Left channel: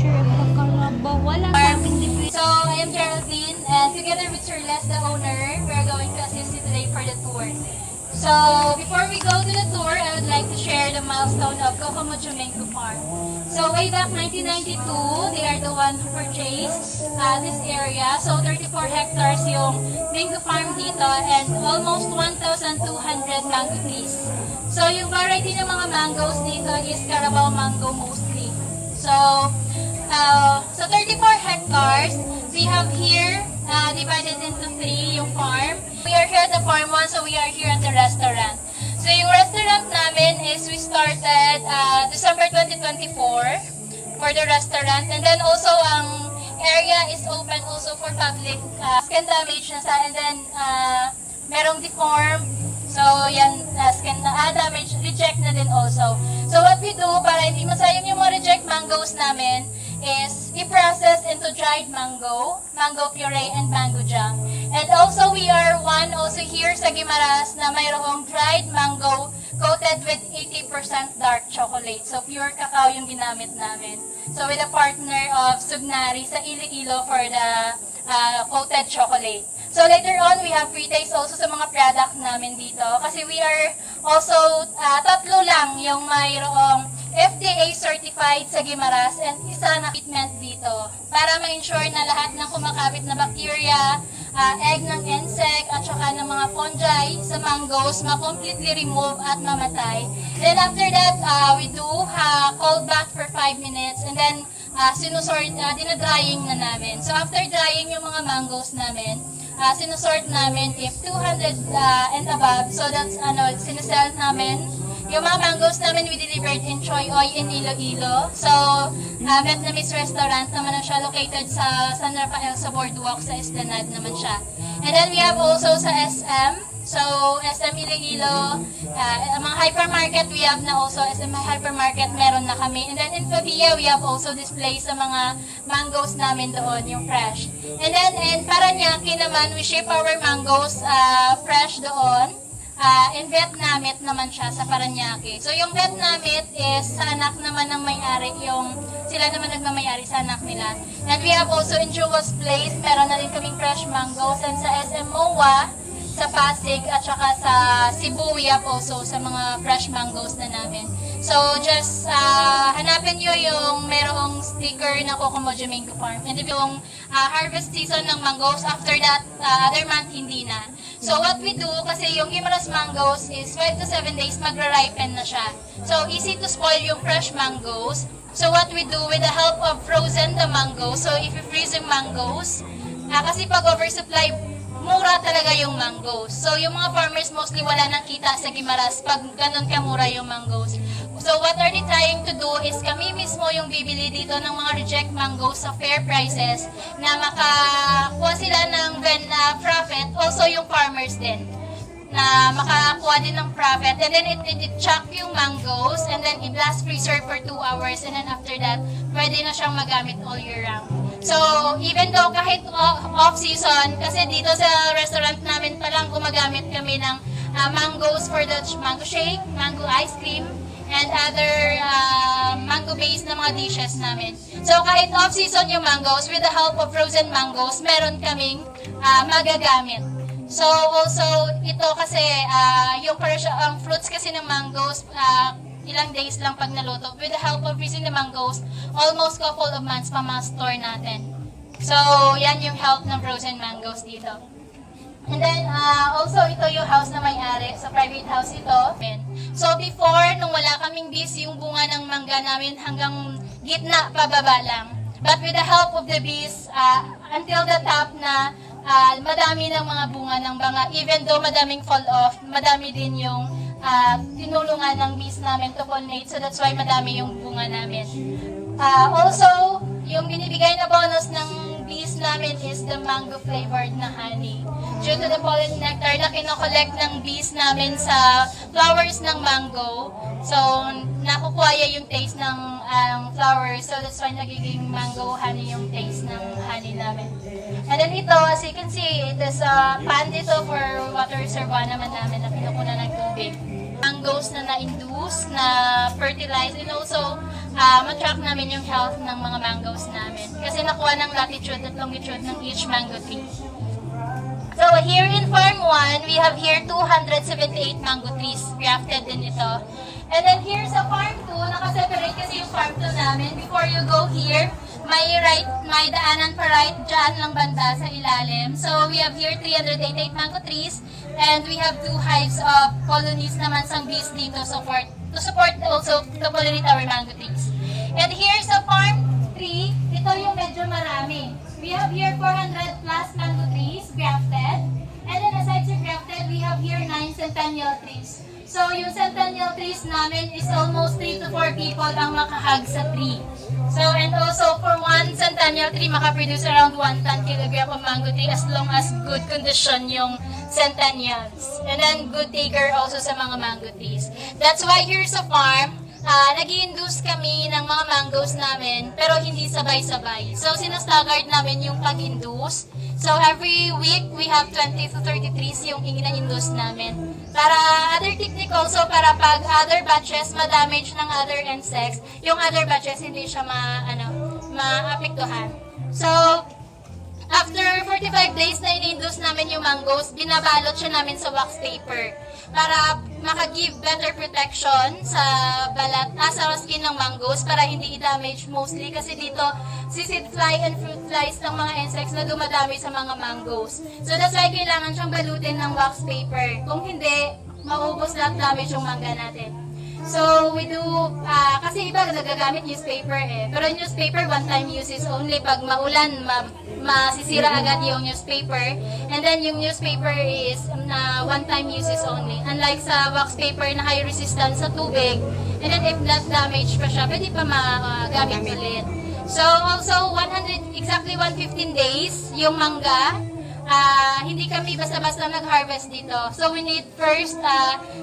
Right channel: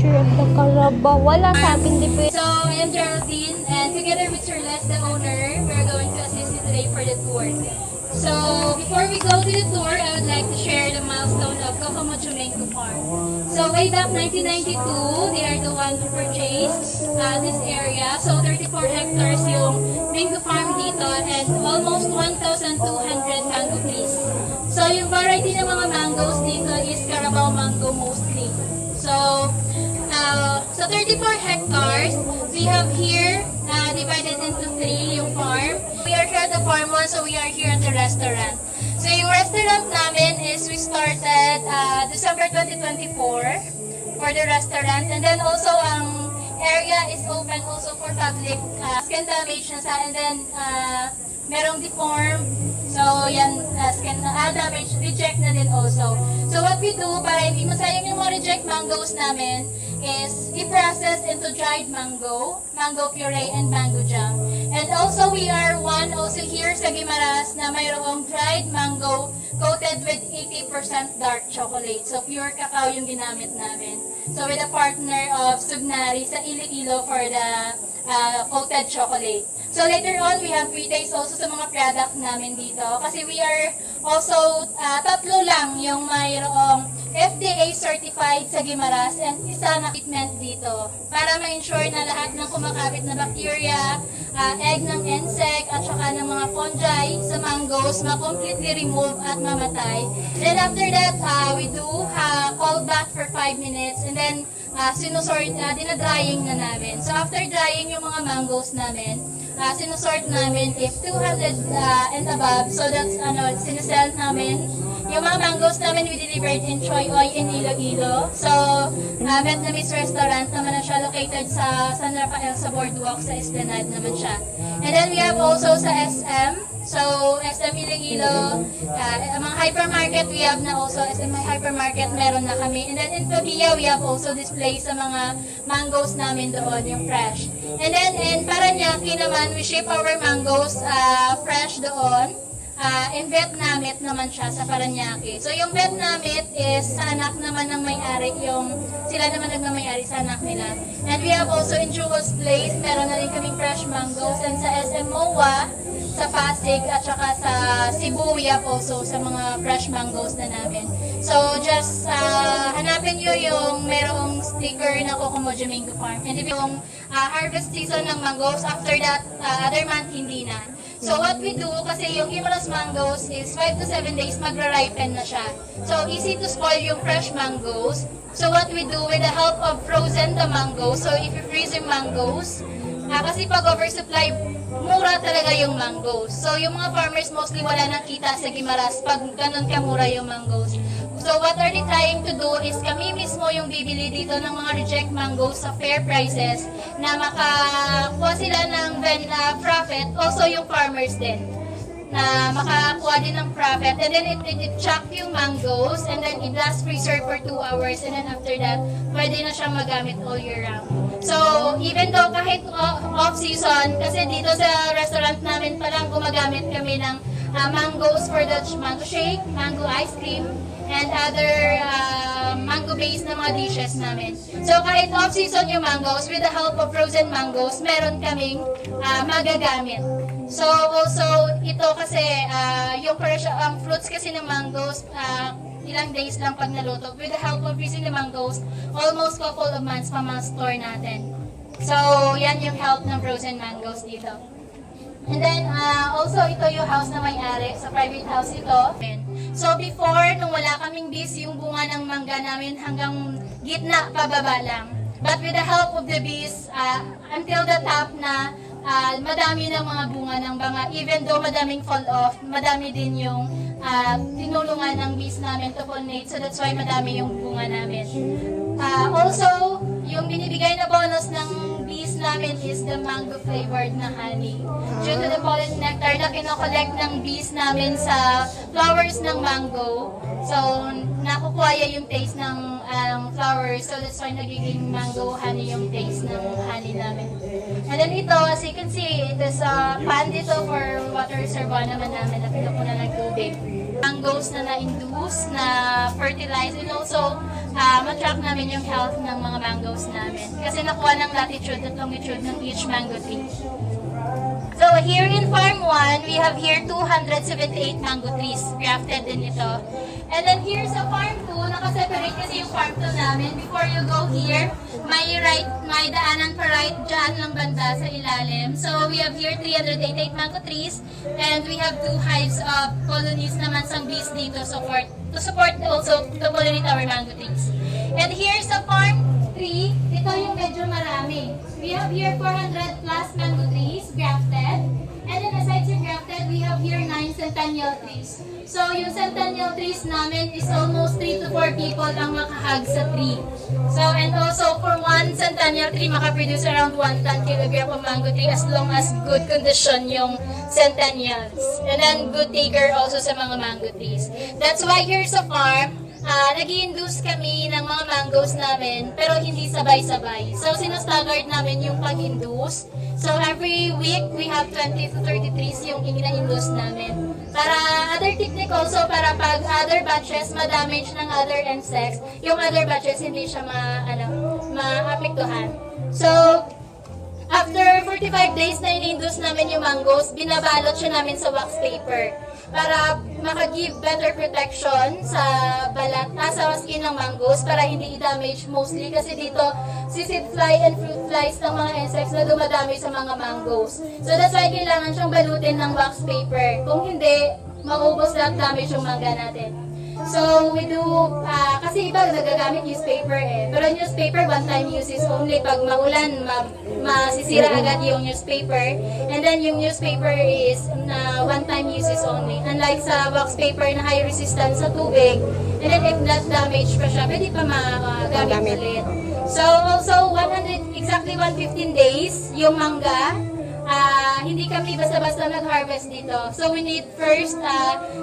sure para wala sa ating depende. So, I am Geraldine, and together with Sir Les, the owner, we are going to assist you today for the tour. So, before we go to the tour, I would like to share the milestone of Kokomojo Mango Farm. So, way back 1992, they are the one who purchased this area. So, 34 hectares yung mango farm dito and almost 1,200 mango trees. So, yung variety ng mga mangoes dito is Carabao mango mostly. So 34 hectares, we have here divided into 3 yung farm. We are here at the farm 1, so we are here at the restaurant. So yung restaurant namin is we started December 2024 for the restaurant, and then also ang area is open also for public. Skin damage na sa, and then merong deform. So, yan, skin damage, reject na din also. So, what we do by masayang yung mga reject mangoes namin is i-process into dried mango, mango puree, and mango jam. And also, we are one also here sa Guimaras na mayroong dried mango coated with 80% dark chocolate. So, pure cacao yung ginamit namin. So, with a partner of Sugnari sa Iloilo for the coated chocolate. So later on, we have free taste also sa mga product namin dito. Kasi we are also, tatlo lang yung mayroong FDA certified sa Guimaras and isa na treatment dito. Para ma-ensure na lahat ng kumakapit na bacteria, egg ng insect, at saka ng mga fungi sa mangoes, ma-completely remove at mamatay. Then after that, we do cold bath for 5 minutes and then sinusort, dinadrying na namin. So after drying yung mga mangoes namin, sinusort namin if 200 and above. So that's sinesell namin. Yung mga mangoes namin we delivered in Choy Oy in Iloilo. So Vietnamese restaurant naman na siya, located sa San Rafael sa Boardwalk sa Esplanade naman siya. And then we have also sa SM. So, SM Iloilo, mga hypermarket, we have na also, SM hypermarket, meron na kami. And then in Pavia, we have also display sa mga mangoes namin doon, yung fresh. And then in Paranaque naman, we ship our mangoes fresh doon. In Vietnamit naman siya sa Paranaque. So, yung Vietnamit is sa anak naman ng may-ari, sila naman nagmamayari sa anak nila. And we have also in Jewel's Place, meron na rin kaming fresh mangoes. And sa SM MOA, sa Pasig at saka sa Cebu, we have also sa mga fresh mangoes na namin. So, just hanapin nyo yung merong sticker na Kokomojo Mango Farm. And yung harvest season ng mangoes, after that, other month, hindi na. So, what we do, kasi yung Guimaras mangoes is 5 to 7 days magra-ripen na siya. So, easy to spoil yung fresh mangoes. So, what we do with the help of frozen the mangoes, so if you freeze yung mangoes, kasi pag oversupply, mura talaga yung mangoes. So, yung mga farmers mostly wala nang kita sa Guimaras pag ganun kamura yung mangoes. So, what are they trying to do is kami mismo yung bibili dito ng mga reject mangoes sa fair prices na makakuha sila ng profit. Also, yung farmers din na makakuha din ng profit. And then, it-chop yung mangoes and then i-blast freezer for 2 hours. And then after that, pwede na siyang magamit all year round. So, even though kahit off-season, kasi dito sa restaurant namin palang gumagamit kami ng mangoes for the mango shake, mango ice cream, and other mango-based na mga dishes namin. So, kahit off-season yung mangoes, with the help of frozen mangoes, meron kaming magagamit. So, also, ito kasi, ang fruits kasi ng mangoes, ilang days lang pag naluto. With the help of freezing the mangoes, almost couple of months pa ma-store natin. So, yan yung help ng frozen mangoes dito. And then, also ito yung house na may-ari. So, private house ito. So, before, nung wala kaming bees, yung bunga ng mangga namin hanggang gitna, pababa lang. But with the help of the bees, until the top na, madami ng mga bunga ng banga. Even though madaming fall off, madami din yung tinulungan ng bees namin to pollinate. So that's why madami yung bunga namin. Also, yung binibigay na bonus ng bees namin is the mango flavored na honey. Due to the pollen nectar na kinokollect ng bees namin sa flowers ng mango. So, nakukuha yung taste ng flowers. So, that's why nagiging mango honey yung taste ng honey namin. And then ito, as you can see, there's a pan dito for water reservoir naman namin na pinukunan ng tubig. Mangoes na na-induce, na fertilize, and also ma-track namin yung health ng mga mangoes namin. Kasi nakuha ng latitude at longitude ng each mango tree. So here in Farm 1, we have here 278 mango trees. Grafted din ito. And then here sa Farm 2, nakaseparate kasi yung Farm 2 namin. Before you go here, may daanan pa right dyan lang banda sa ilalim. So we have here 388 mango trees. And we have 2 hives of colonies naman sang bees dito to support also to pollinate our mango trees. And here sa Farm 3, ito yung medyo marami. We have here 400 plus mango trees grafted. And then aside sa grafted, we have here 9 centennial trees. So yung centennial trees namin is almost 3 to 4 people ang makahag sa tree. So and also for one centennial tree, makaproduce around 1 kilogram of mango tree as long as good condition yung centennials. And then good taker also sa mga mango trees. That's why here sa farm, nag-i-induce kami ng mga mangoes namin, pero hindi sabay-sabay. So, sinastagard namin yung pag-induce. So, every week, we have 20 to 30 trees yung ina-induce namin. Para other technique also, para pag other batches ma-damage ng other insects, yung other batches hindi siya ma-apektuhan. So, after 45 days na in-induce namin yung mangoes, binabalot siya namin sa wax paper para maka-give better protection sa balat, sa skin ng mangoes para hindi i-damage mostly kasi dito sisid fly and fruit flies ng mga insects na dumadami sa mga mangoes. So that's why kailangan siyang balutin ng wax paper. Kung hindi, maubos lahat damage yung mangga natin. So, we do, kasi iba nagagamit newspaper pero newspaper one-time uses only. Pag maulan, masisira agad yung newspaper. And then, yung newspaper is one-time uses only. Unlike sa wax paper na high resistance sa tubig. And then, if that damage pa siya, pwede pa magamit ulit. So, also, exactly 115 days, yung mangga, hindi kami basta-basta nag-harvest dito. So we need first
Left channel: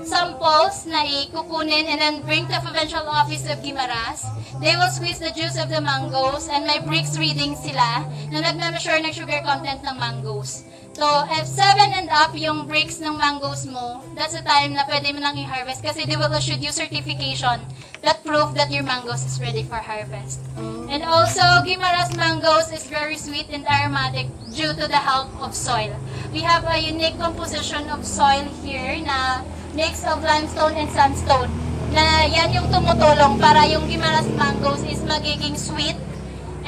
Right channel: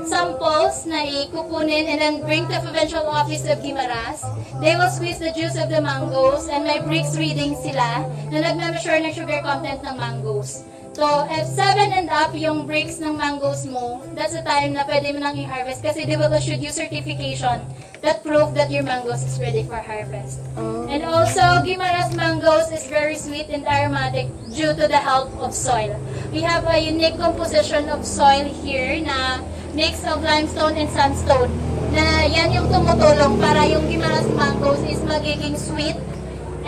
samples na ikukunin and then bring to provincial office of Guimaras. They will squeeze the juice of the mangoes and may bricks reading sila na nagme-measure ng sugar content ng mangoes. So, if 7 and up yung bricks ng mangoes mo, that's the time na pwede mo nang i-harvest kasi they will issue you certification that proof that your mangoes is ready for harvest. And also, Guimaras mangoes is very sweet and aromatic due to the help of soil. We have a unique composition of soil here na mix of limestone and sandstone na yan yung tumutulong para yung Guimaras mangoes is magiging sweet.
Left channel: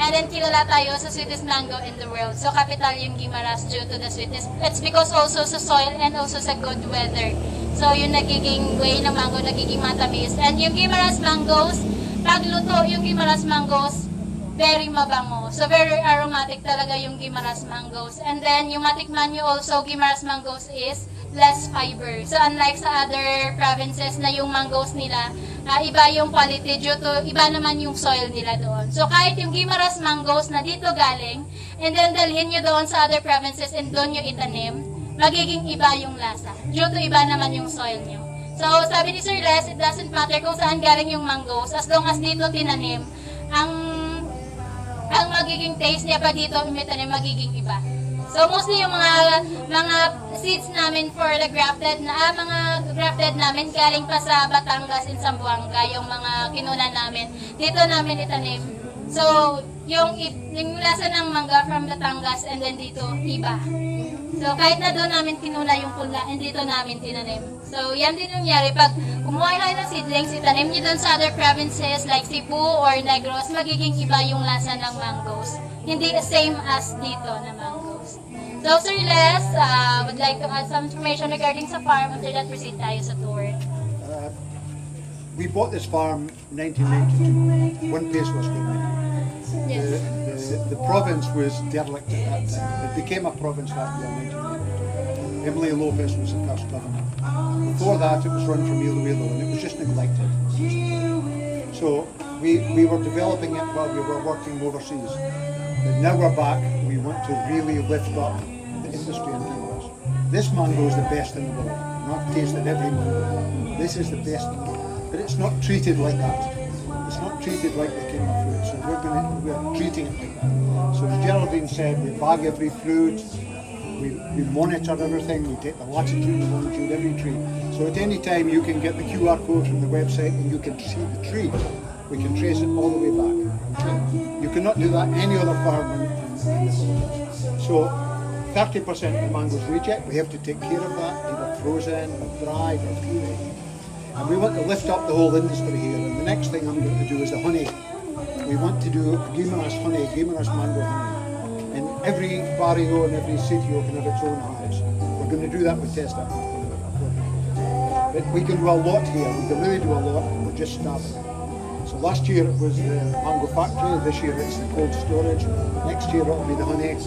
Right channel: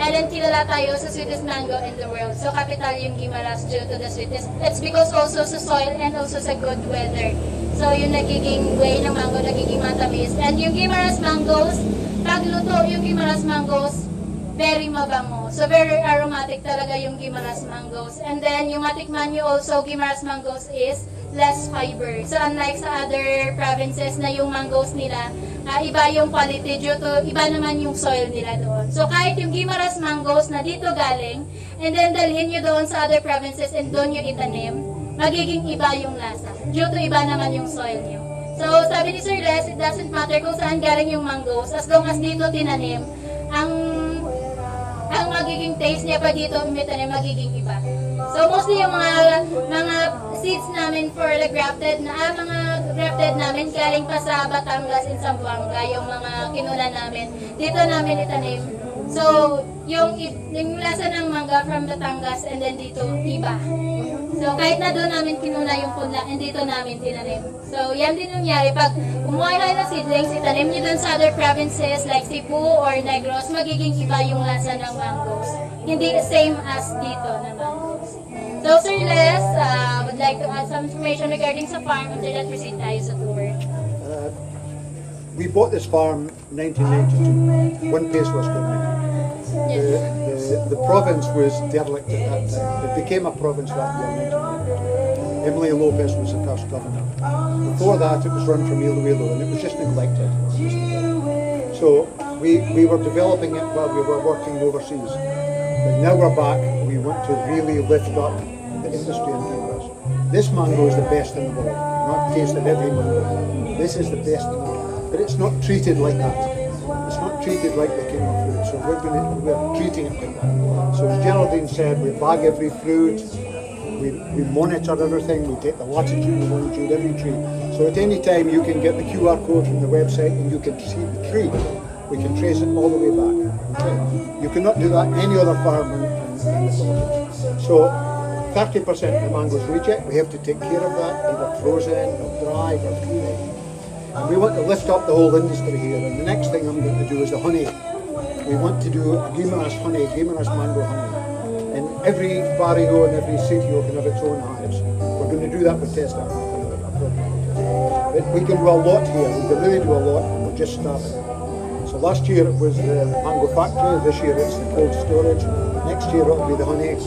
And then kilala tayo sa sweetest mango in the world. So capital yung Guimaras due to the sweetest. It's because also sa soil and also sa good weather. So yung nagiging way ng mango, nagiging matamis. And yung Guimaras mangoes, pag luto yung Guimaras mangoes, very mabango. So very aromatic talaga yung Guimaras mangoes. And then yung matikman nyo also, Guimaras mangoes is less fiber. So unlike sa other provinces na yung mangoes nila, iba yung quality due to iba naman yung soil nila doon. So kahit yung Guimaras mangoes na dito galing, and then dalhin nyo doon sa other provinces and doon nyo itanim, magiging iba yung lasa. Due to iba naman yung soil nyo. So sabi ni Sir Les, it doesn't matter kung saan galing yung mangoes, as long as dito tinanim, ang magiging taste niya pa dito, imitanim, magiging iba. So mostly yung mga seeds namin for the grafted namin galing pa sa Batangas and Zamboanga, yung mga kinunan namin. Dito namin itanim. So yung lasa ng mangga from Batangas and then dito iba. So kahit na doon namin kinuna yung punla and dito namin tinanim. So yan din nangyari pag kumuha kayo ng seedlings, itanim niyo doon sa other provinces like Cebu or Negros, magiging iba yung lasa ng mangoes. Hindi the same as dito na mangoes. So Sir Les, would like to add some information regarding sa farm. After that, proceed tayo sa tour. We bought this farm in 1992. One place was government. The province was derelict at that time. It became a province that year in 1992. Emily Lopez was the first governor. Before that, it was run from Iloilo and it was just neglected. So we were developing it while we were working overseas. But now we're back, we want to really lift up the industry in Guimaras. This mango is the best in the world. Not tasted every mango. This is the best in the world. But it's not treated like that. It's not treated like the king of fruit. So we're treating it like that. So as Geraldine said, we bag every fruit, we monitor everything, we take the latitude and longitude every tree. So at any time you can get the QR code from the website and you can see the tree. we can trace it all the way back. Okay? You cannot do that any other farm in the Philippines. So 30% of the mangoes reject, we have to take care of that, either frozen or dried or peeled. And we want to lift up the whole industry here. And the next thing I'm going to do is the honey. We want to do a Guimaras honey, Guimaras mango honey. And every barrio and every sitio can have its own hives. We're going to do that with Testa. But we can do a lot here. We can really do a lot. We're just starting. So last year it was the mango factory. This year it's the cold storage. Next year it'll be the honey.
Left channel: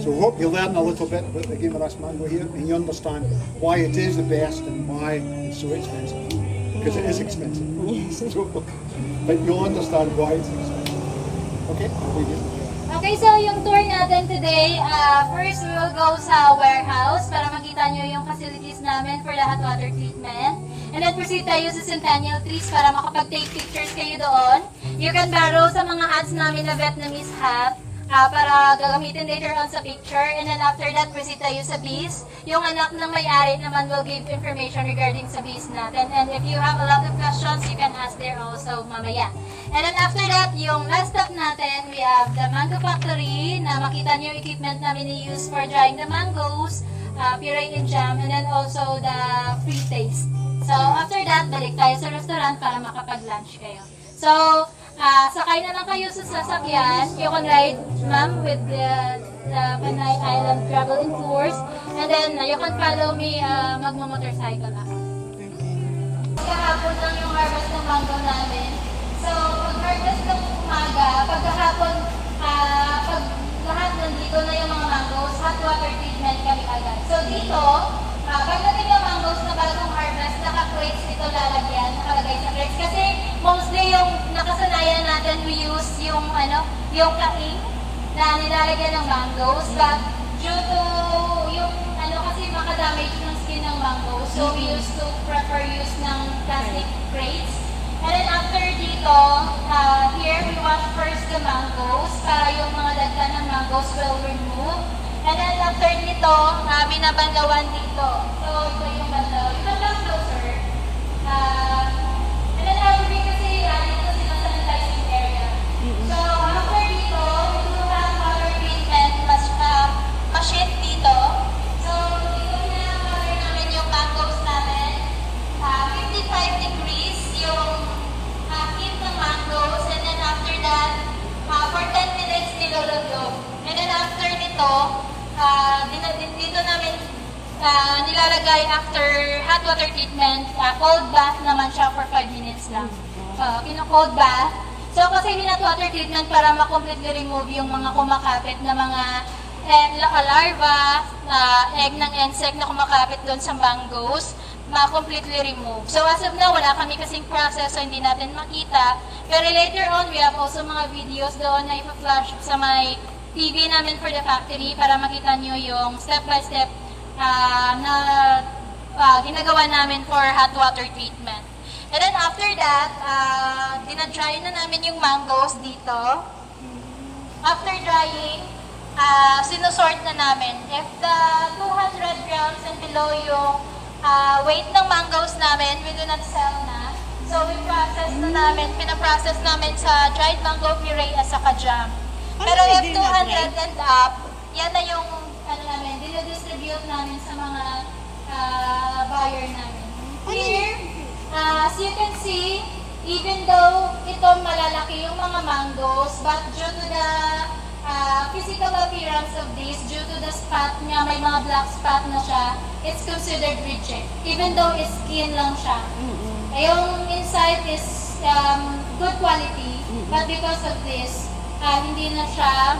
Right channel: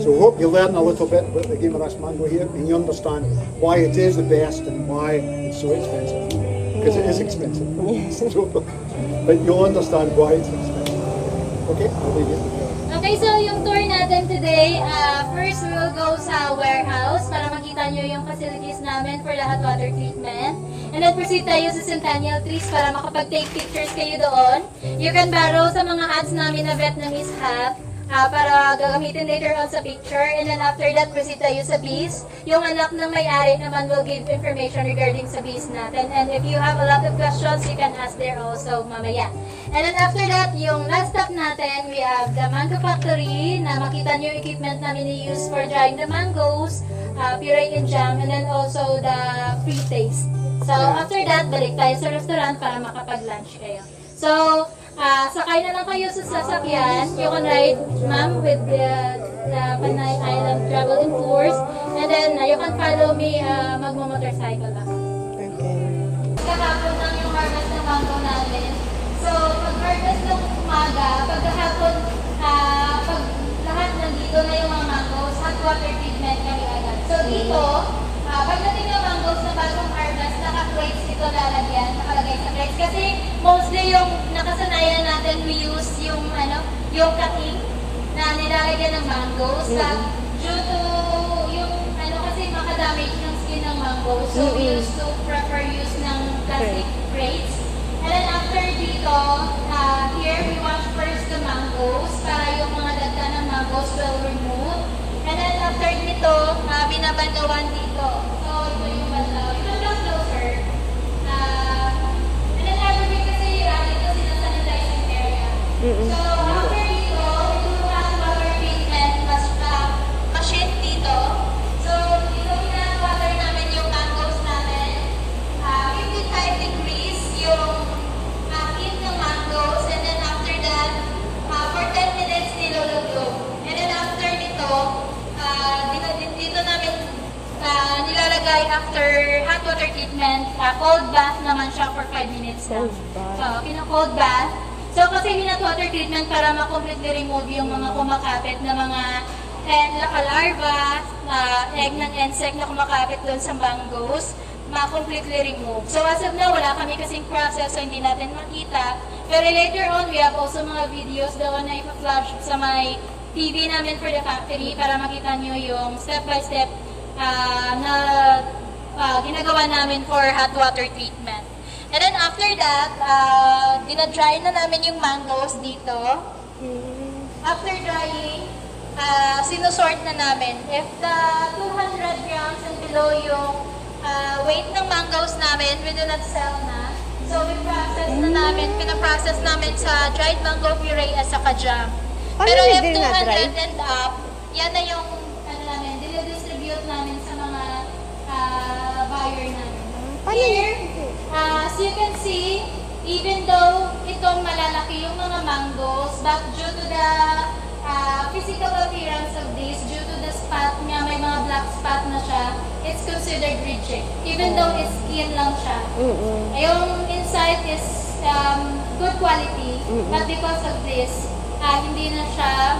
So I hope you learn a little bit about the Guimaras mango here and you understand why it is the best and why it's so expensive. Because it is expensive. So, but you'll understand why it's expensive. Okay, I'll leave it there. Okay, so yung tour natin today, first we will go sa warehouse para makita nyo yung facilities namin for the hot water treatment. And then proceed tayo sa centennial trees para makapag-take pictures kayo doon. You can borrow sa mga hats namin na Vietnamese hat. Para gagamitin later on sa picture. And then after that, proceed tayo sa bees. Yung anak ng may-ari naman will give information regarding sa bees natin. And if you have a lot of questions, you can ask there also mamaya. And then after that, yung last stop natin, we have the mango factory na makita niyo yung equipment namin i-use for drying the mangoes, puree and jam, and then also the free taste. So after that, balik tayo sa restaurant para makapag-lunch kayo. So, sakay na lang kayo sa sasakyan. You can ride, ma'am, with the Panay Island Travel and Tours. And then, you can follow me, magmo-motorcycle lang. Kahapon lang yung harvest ng mango namin. So, pag-harvest ng umaga, pagkahapon, pag lahat nandito na yung mga mangoes, hot water treatment kami agad. So, dito, pagdating yung mangoes na bagong harvest, naka-crates dito lalagyan, nakalagay sa crates. Kasi, mostly yung nakasanayan natin, we use yung yung cutting na nilalagyan ng mangoes. Due to yung kasi makadamage yung skin ng mangoes. So we used to prefer use ng plastic crates. And then after dito, here we wash first the mangoes para yung mga dagda ng mangoes will remove. And then after dito, binabandawan dito. So ito yung bandaw. Ito lang daw, sir. And then every kasi ito sinasanitizing area. So after dito, ito yung water treatment machine dito. So dito water namin yung mangoes namin. 55 degrees yung heat ng mangoes. And then after that, for 10 minutes niluluto. And then after nito, dito namin nilalagay after hot water treatment, cold bath naman siya for 5 minutes lang. Kino-cold bath. So kasi hot water treatment para ma-completely remove yung mga kumakapit na mga larva, egg ng insect na kumakapit doon sa mangoes, ma-completely remove. So as of now, wala kami kasing process so hindi natin makita. Pero later on, we have also mga videos doon na ipa-flash sa may TV namin for the factory para makita nyo yung step-by-step na ginagawa namin for hot water treatment. And then after that, dinadry na namin yung mangoes dito. After drying, sinusort na namin. If the 200 grams and below yung weight ng mangoes namin, we do not sell na. So we process na namin, pinaprocess namin sa dried mango puree at saka jam. Pero if 200 and up, yan na yung namin, dinidistribute namin sa mga buyer namin. Here, as you can see, even though ito malalaki yung mga mangoes, but due to the physical appearance of this, due to the spot niya, may mga black spot na siya, it's considered reject. Even though it's skin lang siya. Yung inside is good quality, but because of this, hindi na siya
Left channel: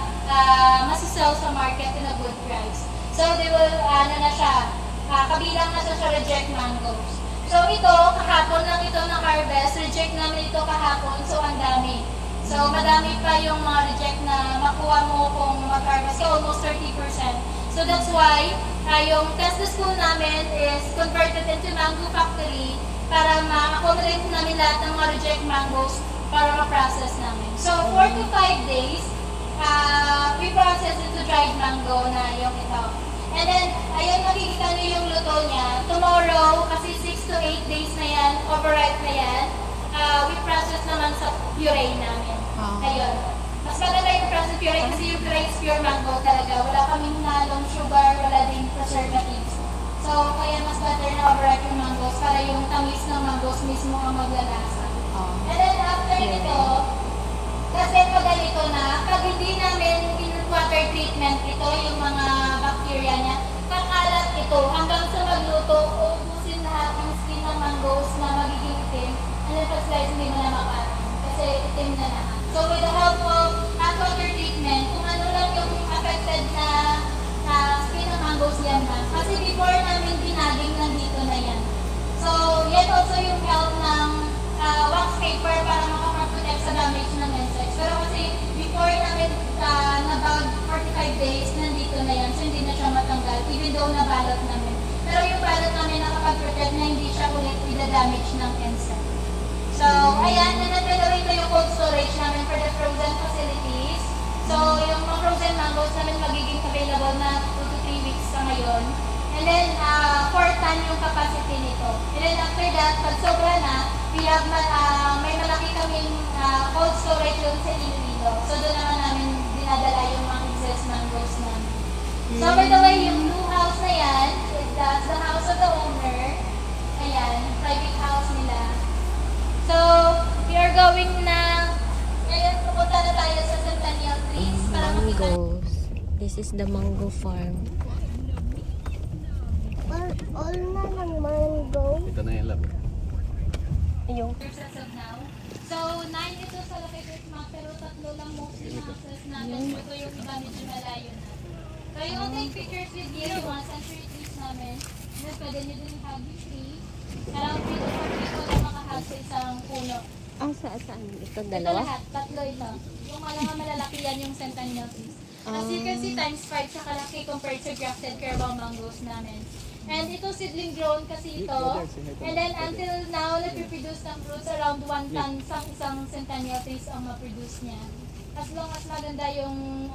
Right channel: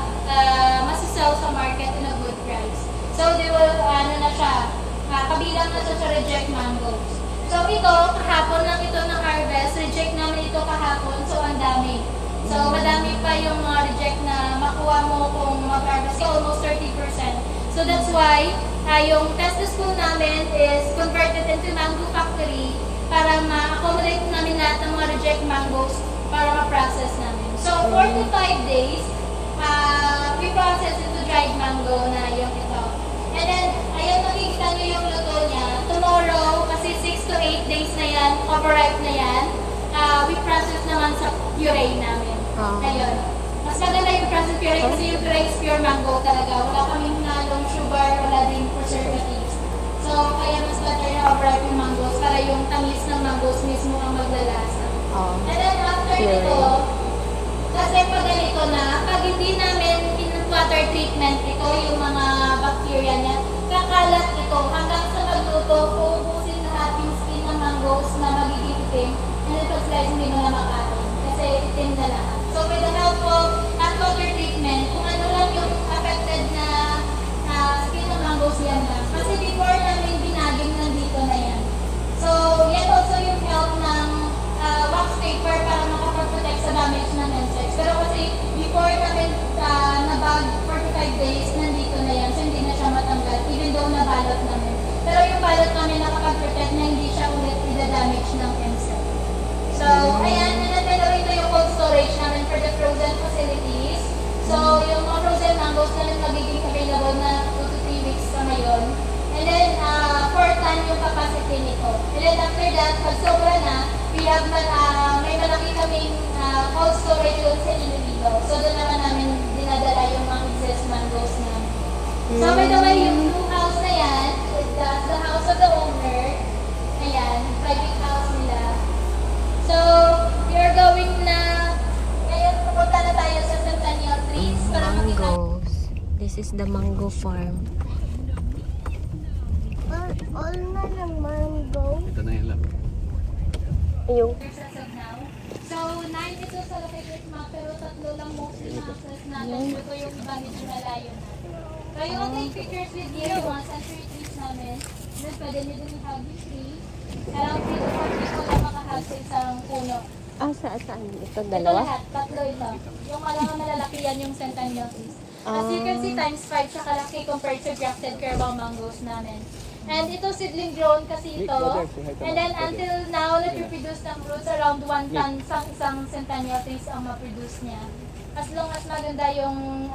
masasell sa market in a good price. So, they will, na siya, kabilang na sa reject mangoes. So, ito, kahapon lang ito na harvest, reject namin ito kahapon, so ang dami. So, madami pa yung mga reject na makuha mo kung mag-harvest, almost 30%. So, that's why, yung test school namin is converted into mango factory para ma-accommodate namin lahat ng mga reject mangoes para ma-process namin. So, 4 to 5 days, we process into dried mango na yung ito. And then, ayun, makikita nyo yung luto niya. Tomorrow, kasi 6 to 8 days na yan, overripe na yan, puree namin. Oh. Ngayon, mas maganda yung processed puree kasi yung puree is pure mango talaga. Wala kaming lalong sugar, wala din preservatives. So, kaya mas better na ripe yung mangoes para yung tamis ng mangoes mismo ang maglalasa. Oh. And then after nito, kasi pag ganito na, pag hindi namin in-water treatment ito, yung mga bacteria niya, kakalat ito hanggang sa magluto, uubusin lahat yung skin ng mangoes na magiging itim, and then pag slice hindi mo na makain kasi itim na lahat. So with the help of hot water treatment, kung ano lang yung affected na skin ng mangoes yan na. Kasi before namin binaging nandito na yan. So yan also yung help ng wax paper para makapag-protect sa damage ng insects. Pero kasi before namin nabag 45 days, nandito na yan. So hindi na siya matanggal, even though nabalot namin. Pero yung balot namin nakapag-protect na hindi siya ulit ida-damage ng insect. So, ayan, nanaglalawin ko yung cold storage namin for the frozen facilities. So, yung mga frozen mangoes namin magiging available na 2 to 3 weeks pa ngayon. And then, 4 ton yung capacity nito. And then after that, pag sobra na, we have may malaki kaming cold storage doon sa Iloilo. So, doon naman namin dinadala yung mga excess mangoes namin. So, by the way, yung blue house na yan, that's the house of the owner. Ayan, private house nila. So, we are going na, ngayon pupunta na tayo sa centennial trees para makita. This is the mango farm. All na ng mango. Ito na yung lab. Ayun. As of now. So, 9 ito sa located map, pero 3 lang mostly houses natin. Ito yung iba medyo malayo na. So, you will take pictures with you mga century trees namin. Then, pwede nyo din hobby tree. Around 3 to 4 people na makahag sa isang puno. Ah, saan? Ito, Ito dalawa? lahat, 3 ito. Yung malalaki yan yung centennial trees. As you can see, times 5 siya kalaki compared to grafted carabao mangoes namin. And ito seedling grown kasi ito. And then until now, nag-reproduce ng fruits around 1 ton sa isang centennial trees ang ma-produce niya. As long as maganda yung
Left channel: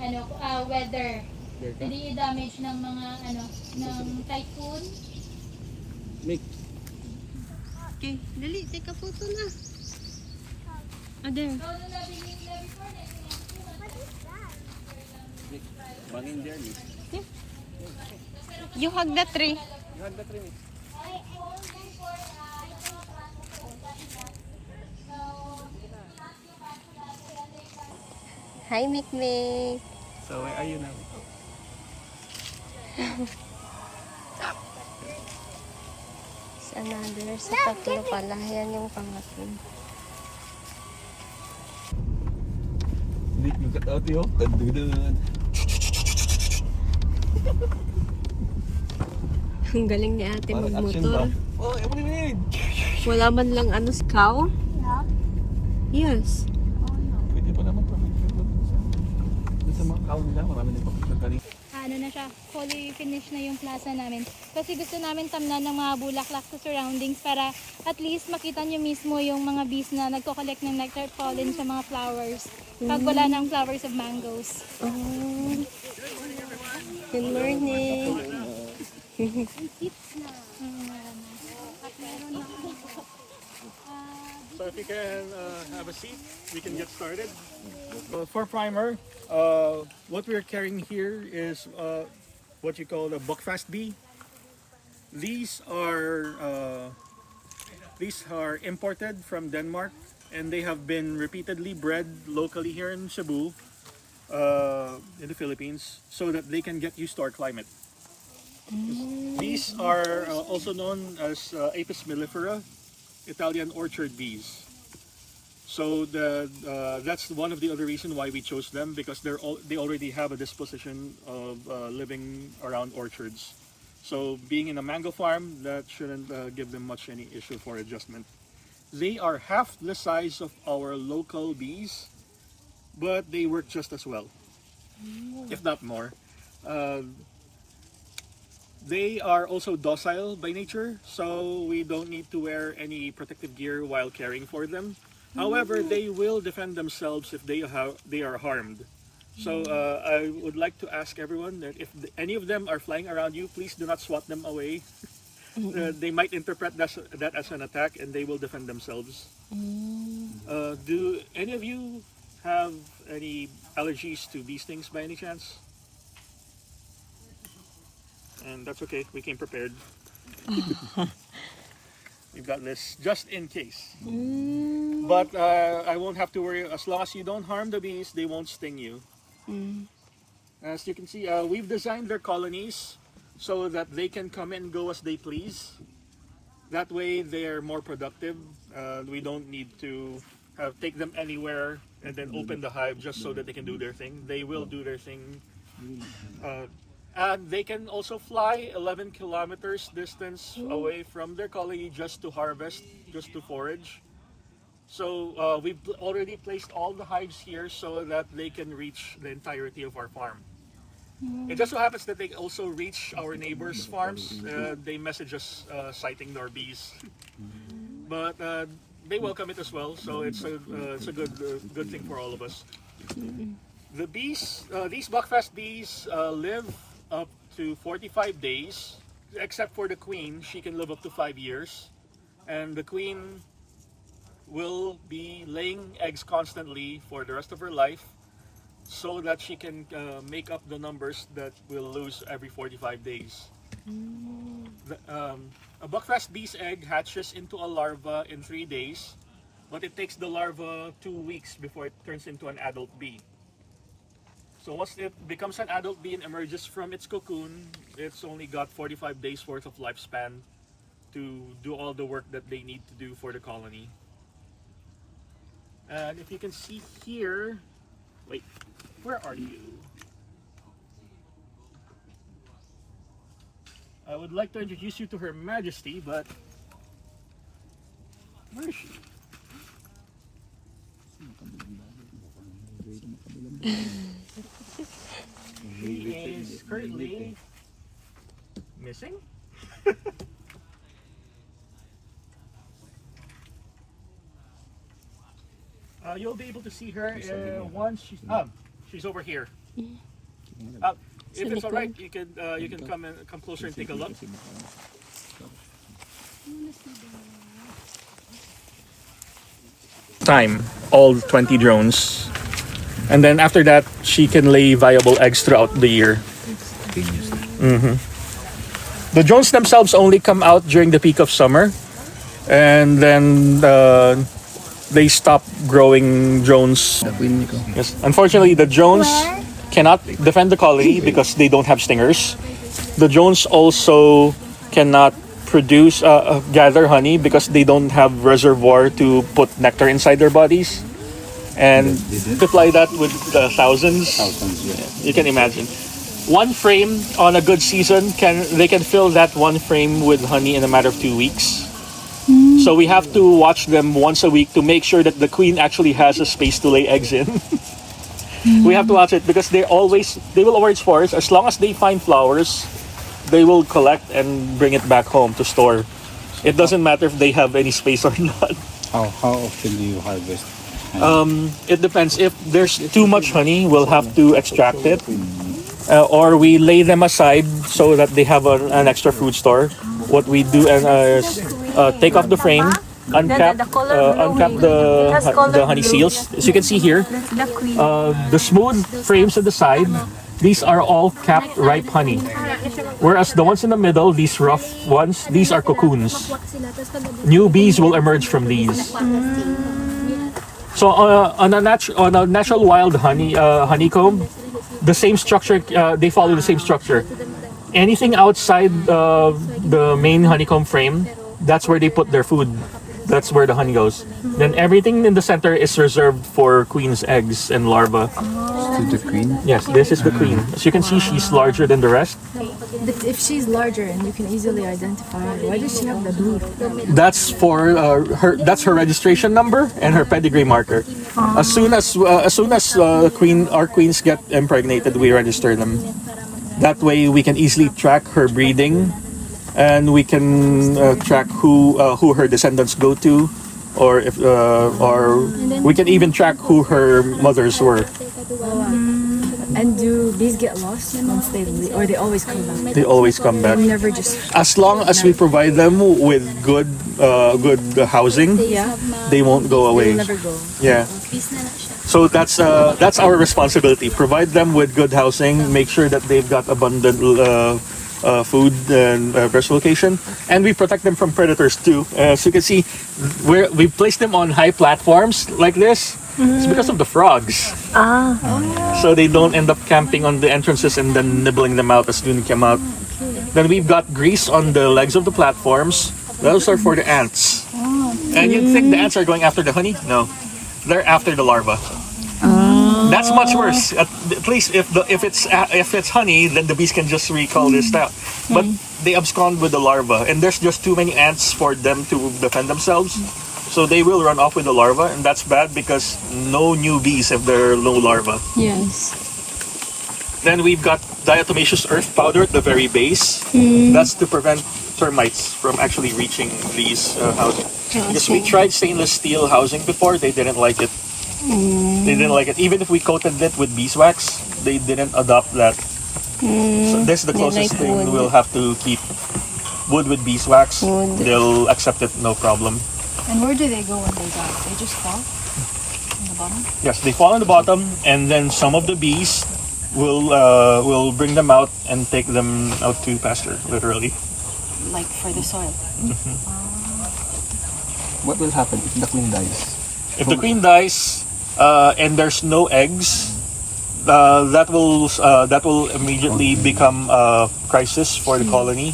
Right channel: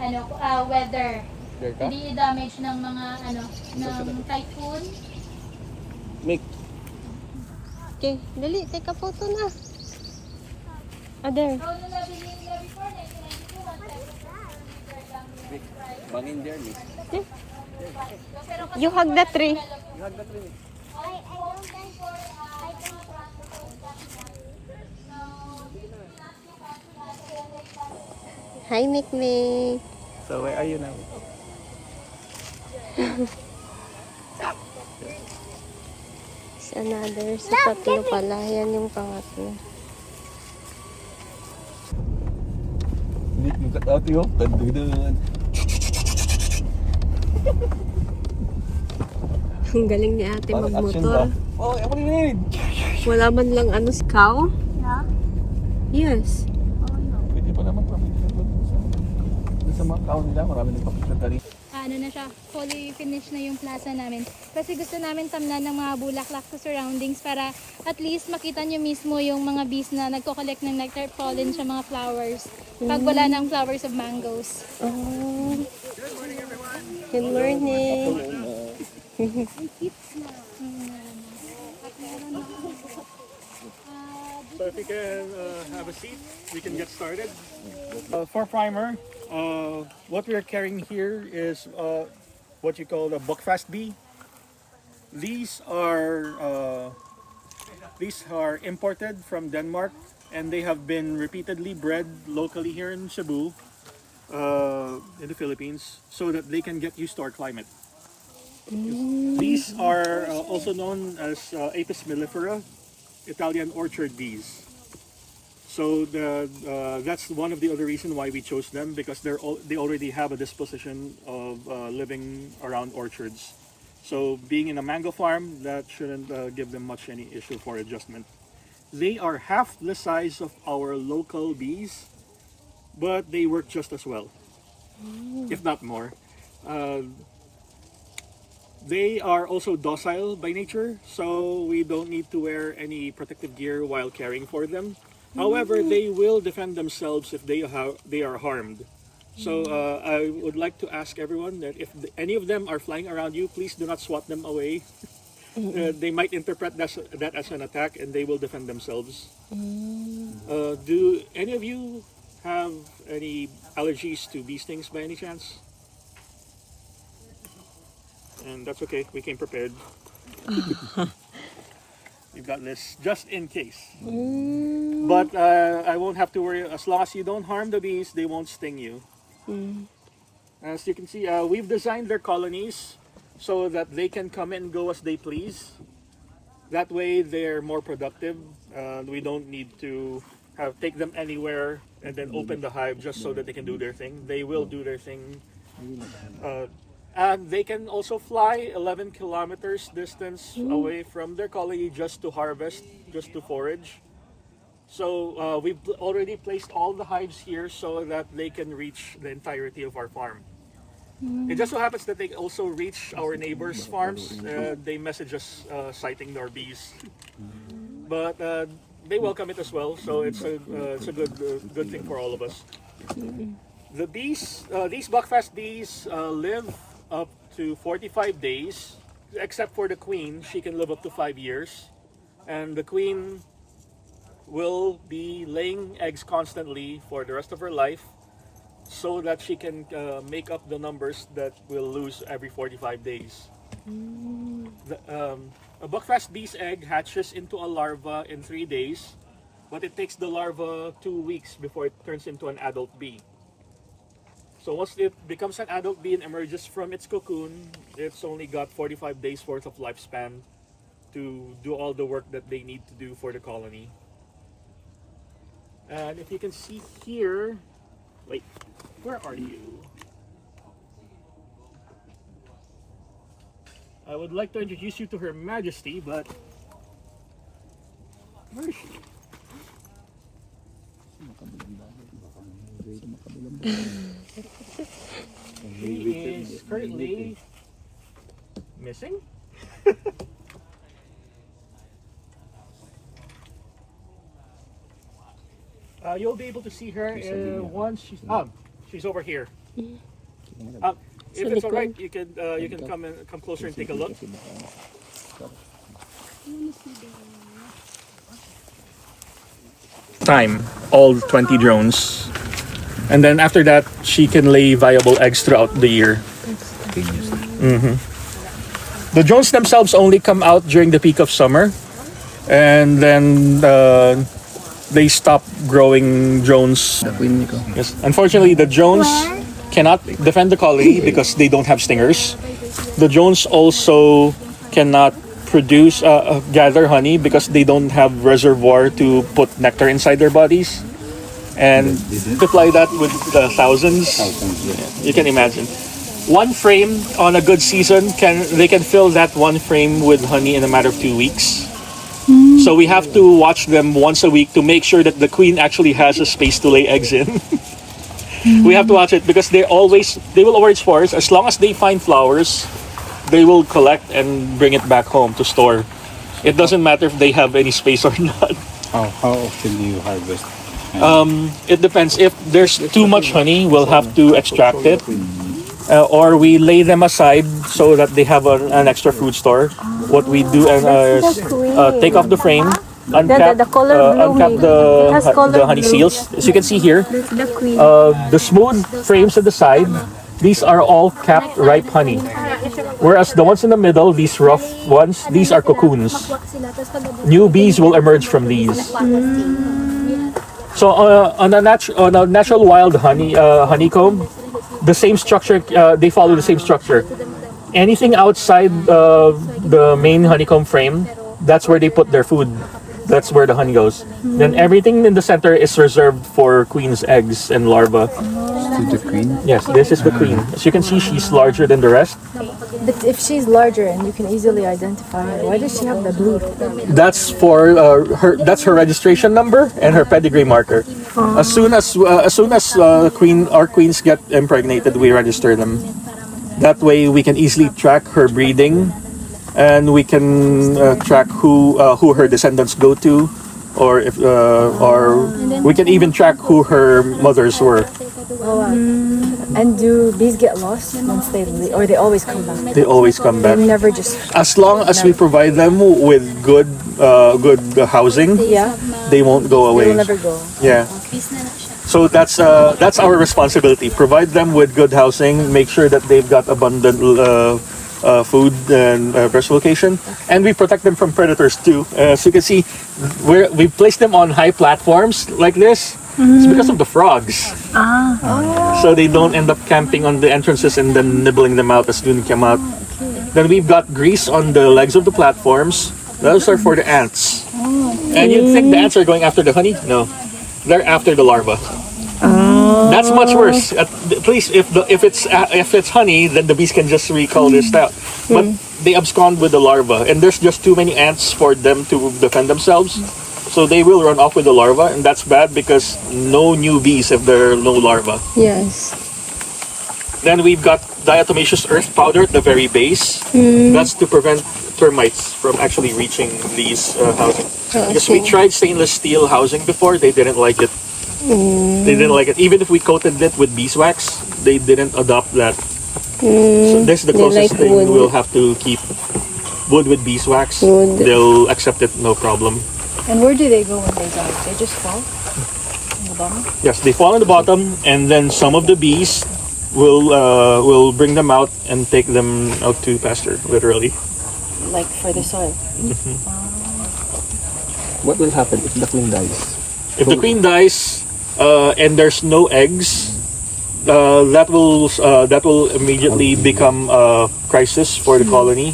weather. Hindi damage ng mga ng typhoon. Okay, dali. Take a photo na. Ah, there. So, nung nabili nila before, 1992, Bangin dyan eh. You hug the tree. I don't think I can Hi, Micmic. So where are you now? Si another sikat yung pala. Yan yung papo. Lit mo kat yun. Tandudan. Ang galing ni ate Parang action ba? magmotor. Oh, ewan mo rin. Wala man lang cow? Yeah. Yes. Pwede pa naman pa. Doon sa mga kaon nila, marami nagpapakita ka rin. Ano na siya, fully finished na yung plaza namin. Kasi gusto namin tamnan ng mga bulaklak sa surroundings para at least makita nyo mismo yung mga bees na nagko-collect ng nectar pollen sa mga flowers. Pag wala ng flowers of mangoes. Oh. Good morning. So if you can have a seat, we can get started. For primer, what we're carrying here is what you call the buckfast bee. These are imported from Denmark, and they have been repeatedly bred locally here in Cebu, in the Philippines, so that they can get used to our climate. These are also known as Apis mellifera, Italian orchard bees. So that's one of the other reasons why we chose them, because they already have a disposition of living around orchards. So being in a mango farm, that shouldn't give them much any issue for adjustment. They are half the size of our local bees, but they work just as well, if not more. They are also docile by nature, so we don't need to wear any protective gear while caring for them. However, they will defend themselves if they are harmed. So I would like to ask everyone that if any of them are flying around you, please do not swat them away. They might interpret that as an attack, and they will defend themselves. Do any of you have any allergies to bee stings by any chance? And that's okay, we came prepared. We've got this just in case. But I won't have to worry. As long as you don't harm the bees, they won't sting you. As you can see, we've designed their colonies so that they can come and go as they please. That way they're more productive. We don't need to take them anywhere and then open the hive just so that they can do their thing. They will do their thing. And they can also fly 11 kilometers distance away from their colony just to harvest, just to forage. So we've already placed all the hives here so that they can reach the entirety of our farm. It just so happens that they also reach our neighbors' farms. They message us citing our bees. But they welcome it as well, so it's a good thing for all of us. The bees, these buckfast bees live up to 45 days, except for the queen. She can live up to 5 years, and the queen will be laying eggs constantly for the rest of her life, so that she can make up the numbers that we'll lose every 45 days. A buckfast bee's egg hatches into a larva in 3 days, but it takes the larva 2 weeks before it turns into an adult bee. So once it becomes an adult bee and emerges from its cocoon, it's only got 45 days worth of lifespan to do all the work that they need to do for the colony. And if you can see here, wait, where are you? I would like to introduce you to Her Majesty, but where is she? She is currently missing. You'll be able to see her once she's over here. If it's all right, you can come closer and take a look. Time all 20 drones, and then after that she can lay viable eggs throughout the year. The drones themselves only come out during the peak of summer, and then they stop growing drones. Yes, unfortunately the drones cannot defend the colony because they don't have stingers. The drones also cannot produce gather honey because they don't have reservoir to put nectar inside their bodies, and multiply that with thousands. You can imagine one frame on a good season they can fill that one frame with honey in a matter of 2 weeks. So we have to watch them once a week to make sure that the queen actually has a space to lay eggs in. We have to watch it because they will always spores. As long as they find flowers, they will collect and bring it back home to store. It doesn't matter if they have any space or not. How often do you harvest? It depends. If there's too much honey, we'll have to extract it. Or we lay them aside so that they have an extra food store. What we do is take off the frame, uncap the honey seals. As you can see here, the smooth frames at the side, these are all capped ripe honey. Whereas the ones in the middle, these rough ones, these are cocoons. New bees will emerge from these. So on a natural wild honeycomb, the same structure, they follow the same structure. Anything outside the main honeycomb frame, that's where they put their food. That's where the honey goes. Then everything in the center is reserved for queen's eggs and larvae. The queen? Yes, this is the queen. As you can see, she's larger than the rest. But if she's larger and you can easily identify her, why does she have the blue? That's for her. That's her registration number and her pedigree marker. As soon as our queens get impregnated, we register them. That way, we can easily track her breeding, and we can track who her descendants go to, or we can even track who her mothers were. And do bees get lost once they leave, or they always come back? They always come back. They never just. As long as we provide them with good housing, Yeah. they won't go They away. will never go. Yeah. So that's our responsibility. Provide them with good housing. Make sure that they've got abundant food and rest location, and we protect them from predators too. As you can see, we place them on high platforms like this. It's because of the frogs. So they don't end up camping on the entrances and then nibbling them out as soon as they come out. Then we've got grease on the legs of the platforms. Those are for the ants. And you'd think the ants are going after the honey? No, they're after the larva. That's much worse. At least if it's honey, then the bees can just recall this out. But they abscond with the larva, and there's just too many ants for them to defend themselves. So they will run off with the larva, and that's bad because no new bees if there are no larva. Yes. Then we've got diatomaceous earth powder at the very base. That's to prevent termites from actually reaching these housing. Because we tried stainless steel housing before, they didn't like it. They didn't like it. Even if we coated it with beeswax, they didn't adopt that. So this is the closest like thing wood. we'll have to keep. Wood with beeswax, Wood. they'll accept it, no problem. And where do they go when they die? They just fall in the bottom. Yes, they fall on the bottom, and then some of the bees will bring them out and take them out to pasture, literally. Like for the soil. What will happen if the queen dies? If the queen dies and there's no eggs, that will immediately become a crisis for the colony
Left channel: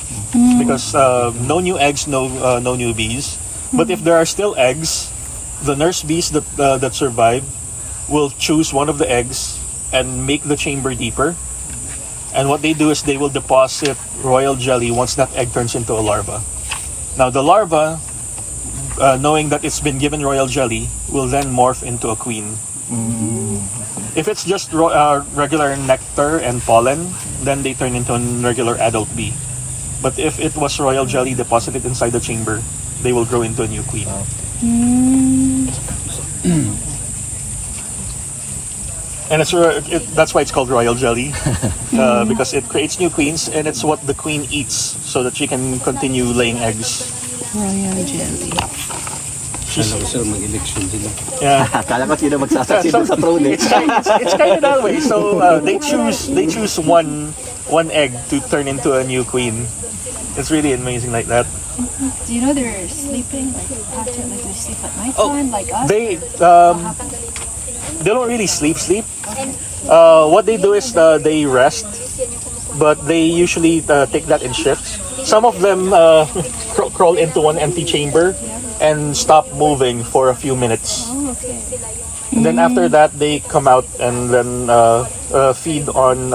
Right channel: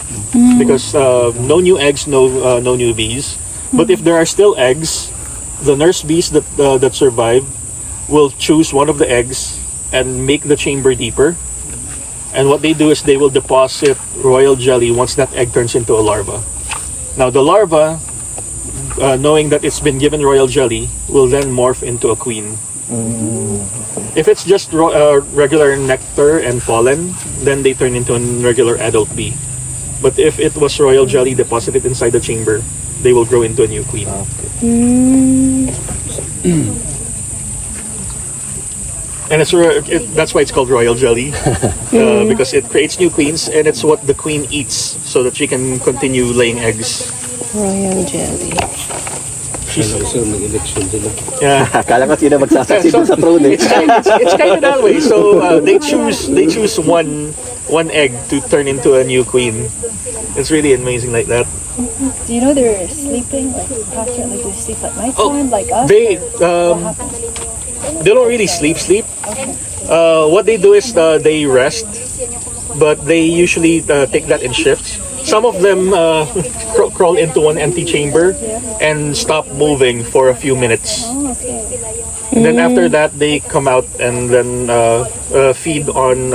because no new eggs, no new bees. But if there are still eggs, the nurse bees that survive will choose one of the eggs and make the chamber deeper. And what they do is they will deposit royal jelly once that egg turns into a larva. Now the larva, knowing that it's been given royal jelly, will then morph into a queen. If it's just regular nectar and pollen, then they turn into a regular adult bee. But if it was royal jelly deposited inside the chamber, they will grow into a new queen. And that's why it's called royal jelly, because it creates new queens, and it's what the queen eats so that she can continue laying eggs. Royal jelly. Alam ko sir, mag-election sila. Yeah. Akala ko sila magsasaksi sa throne eh. It's kind of that way. So they choose one egg to turn into a new queen. It's really amazing like that. You know they're sleeping, like constantly they sleep at night time, like us. They don't really sleep. What they do is they rest, but they usually take that in shifts. Some of them crawl into one empty chamber and stop moving for a few minutes. And then after that, they come out and then feed on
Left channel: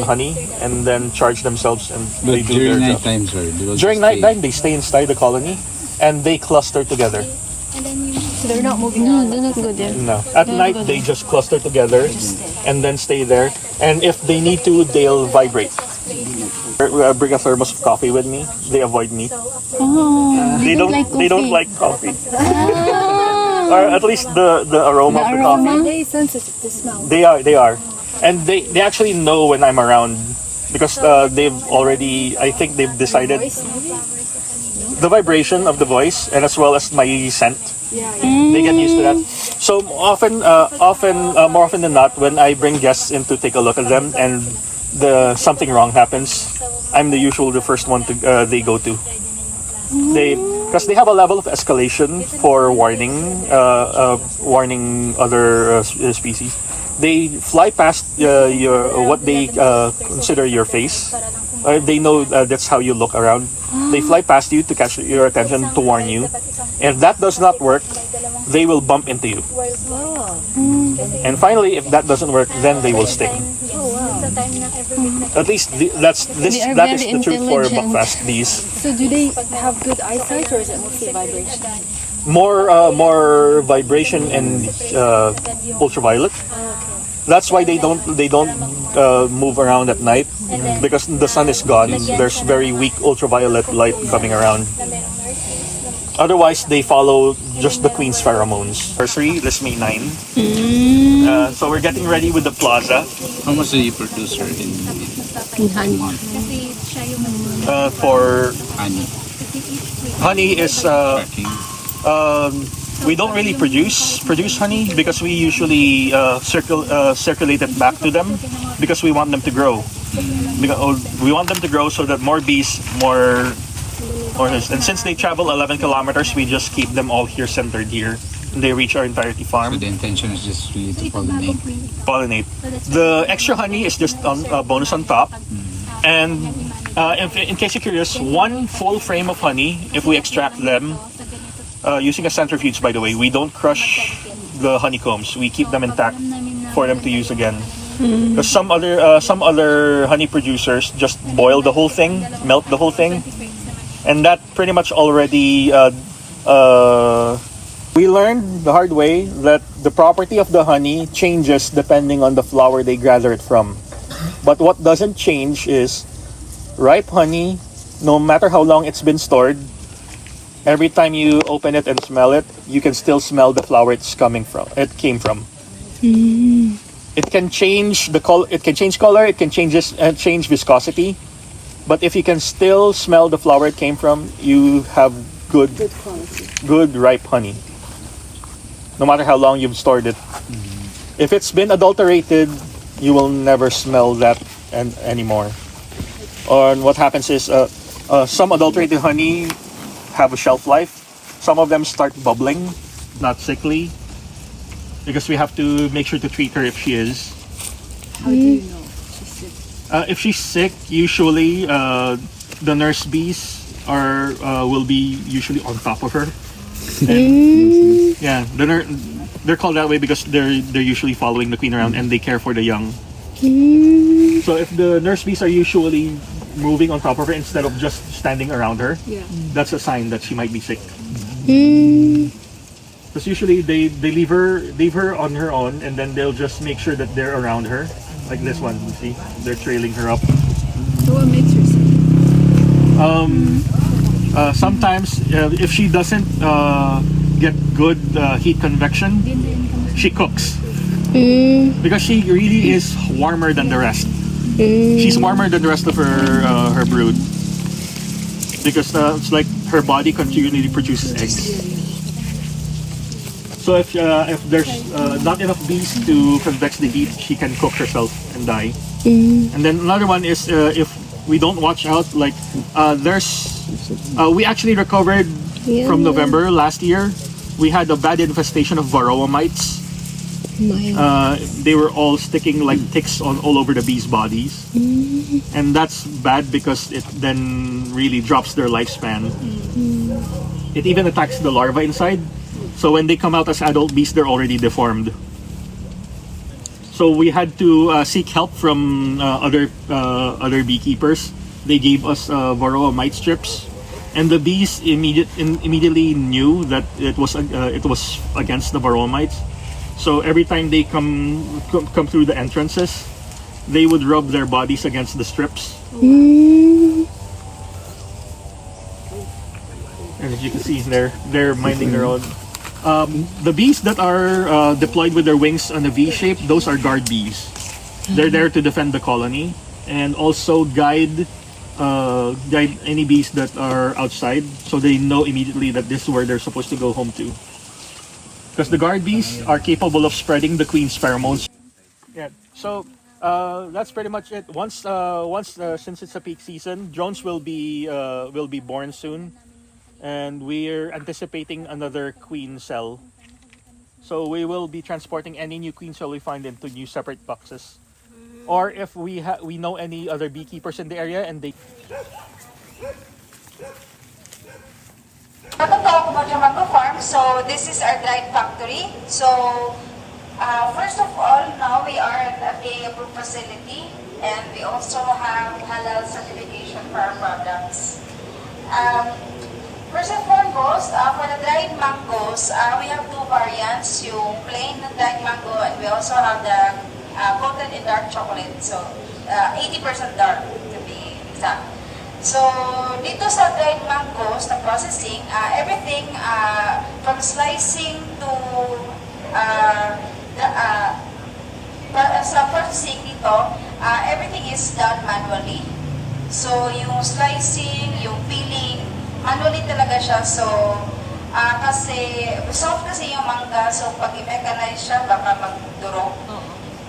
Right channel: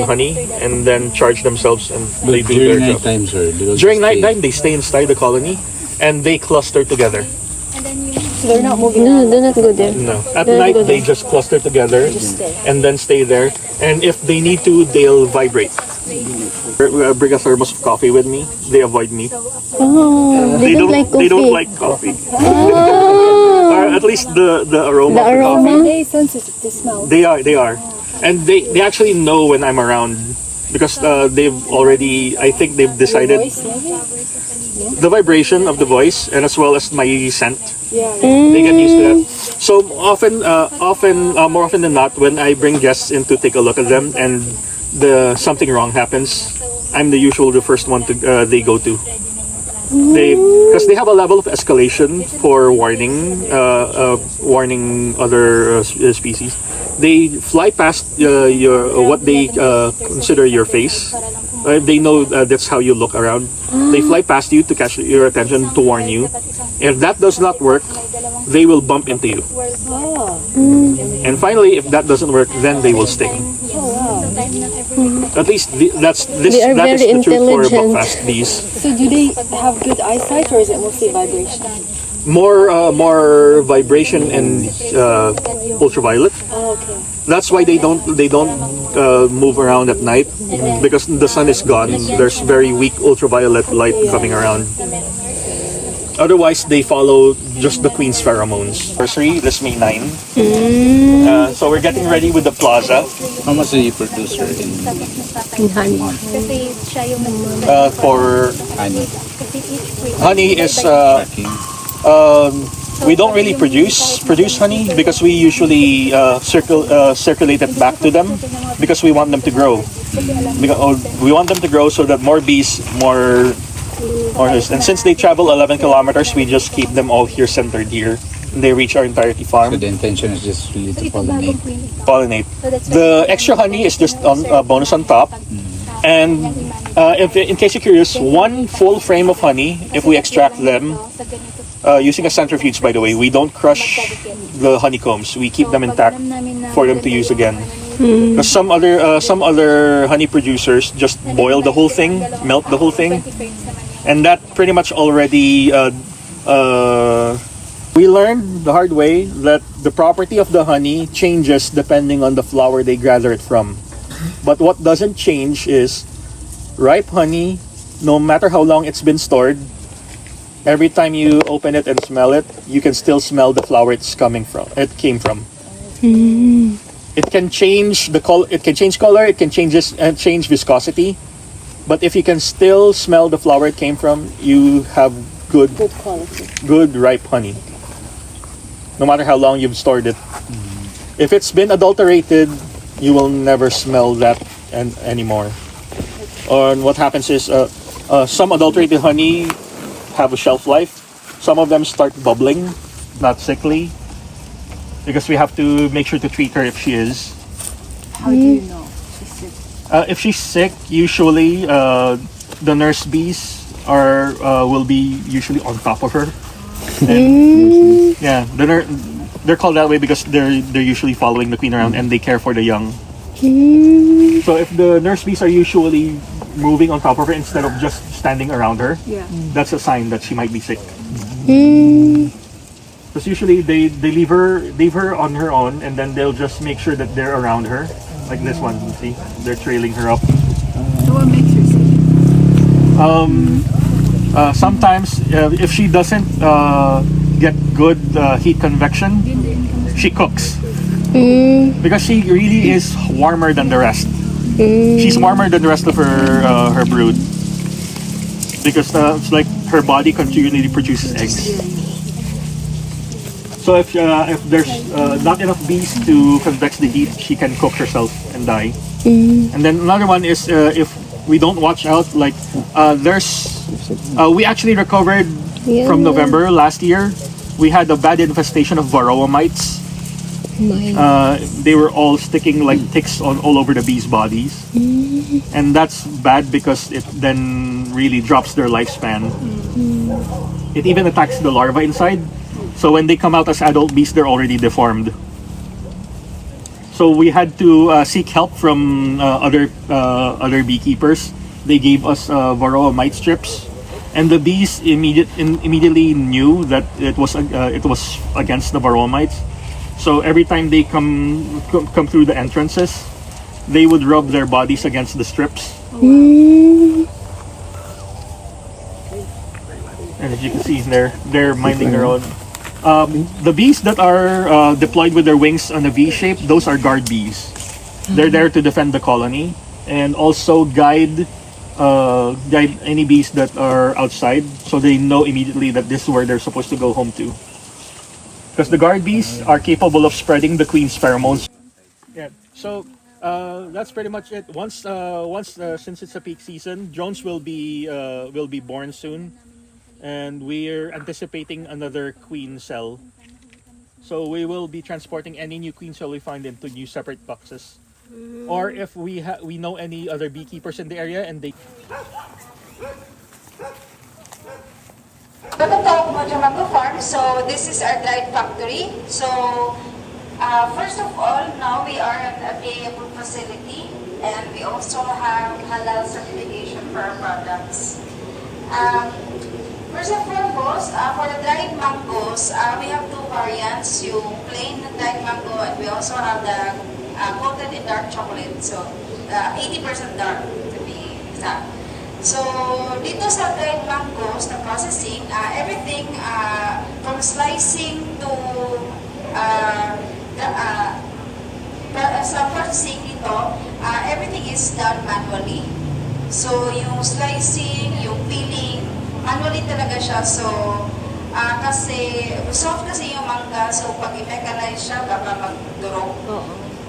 honey and then charge themselves and they do During their night job. time, sir, they will During just stay. nighttime, they stay inside the colony and they cluster together. So they're not moving. No, they're not good there. No, at night they just cluster together and then stay there. And if they need to, they'll vibrate. Bring a thermos of coffee with me. They avoid me. They don't like coffee. Or at least the aroma of the coffee. They sensitive to smell. They are, and they actually know when I'm around because they've already. I think they've decided Voice, maybe? the vibration of the voice and as well as my scent. Yeah. They get used to that. So more often than not, when I bring guests in to take a look at them and something wrong happens, I'm the first one they go to. Because they have a level of escalation for warning other species. They fly past what they consider your face. They know that's how you look around. They fly past you to catch your attention to warn you. If that does not work, they will bump into you. And finally, if that doesn't work, then they will sting. At least that is the truth for buckfast bees. So do they have good eyesight or is it mostly vibration? More vibration and ultraviolet. Okay. That's why they don't move around at night because the sun is gone. There's very weak ultraviolet light coming around. Otherwise, they follow just the queen's pheromones. Anniversary, this May 9. So we're getting ready with the plaza. How much do you produce her in honey. Kasi siya yung For honey? honey is Tracking? we don't really produce honey because we usually circulate it back to them because we want them to grow. We want them to grow so that more bees, more and since they travel 11 kilometers, we just keep them all here centered here. They reach our entirety farm. So the intention is just really to pollinate. Pollinate. The extra honey is just on bonus on top. And if in case you're curious, one full frame of honey, if we extract them using a centrifuge, by the way, we don't crush the honeycombs. We keep them intact for them to use again. Because some other honey producers just boil the whole thing, melt the whole thing, and that pretty much already. We learned the hard way that the property of the honey changes depending on the flower they gather it from. But what doesn't change is ripe honey, no matter how long it's been stored, every time you open it and smell it, you can still smell the flower it came from. It can change it can change color, it can change viscosity, but if you can still smell the flower it came from, you have good ripe honey. No matter how long you've stored it. If it's been adulterated, you will never smell that anymore. And what happens is some adulterated honey have a shelf life. Some of them start bubbling, not sickly, because we have to make sure to treat her if she is. How do you know she's sick? If she's sick, usually the nurse bees will be usually on top of her. And, yeah, they're called that way because they're usually following the queen around and they care for the young. So if the nurse bees are usually moving on top of her instead of just standing around her, that's a sign that she might be sick. Because usually they leave her on her own, and then they'll just make sure that they're around her, like this one. You see, they're trailing her up. So what makes her sick? Sometimes if she doesn't get good heat convection, she cooks. Because she really is warmer than the rest. She's warmer than the rest of her brood. Because it's like her body continually produces eggs. So if there's not enough bees to convex the heat, she can cook herself and die. And then another one is if we don't watch out, like we actually recovered from November last year. We had a bad infestation of varroa mites. They were all sticking like ticks all over the bees' bodies, and that's bad because it then really drops their lifespan. It even attacks the larvae inside, so when they come out as adult bees, they're already deformed. So we had to seek help from other beekeepers. They gave us varroa mite strips, and the bees immediately knew that it was against the varroa mites. So every time they come through the entrances, they would rub their bodies against the strips. And as you can see, they're minding their own. The bees that are deployed with their wings on a V shape, those are guard bees. They're there to defend the colony and also guide any bees that are outside, so they know immediately that this is where they're supposed to go home to. Because the guard bees are capable of spreading the queen's pheromones. Yeah. So that's pretty much it. Once since it's a peak season, drones will be born soon, and we're anticipating another queen cell. So we will be transporting any new queen cell we find into new separate boxes, or if we know any other beekeepers in the area and they. Welcome to Kokomojo Mango Farm. So this is our dried factory. So first of all, now we are at a bee-approved facility, and we also have halal certification for our products. First and foremost, for the dried mangoes, we have two variants: yung plain dried mango, and we also have the coated in dark chocolate. So 80% dark to be exact. So, dito sa dried mangoes na processing, everything from slicing to sa processing dito, everything is done manually. So, yung slicing, yung peeling, manually talaga siya. So, kasi soft kasi yung mangga, so pag i-mechanize siya, baka magdurog.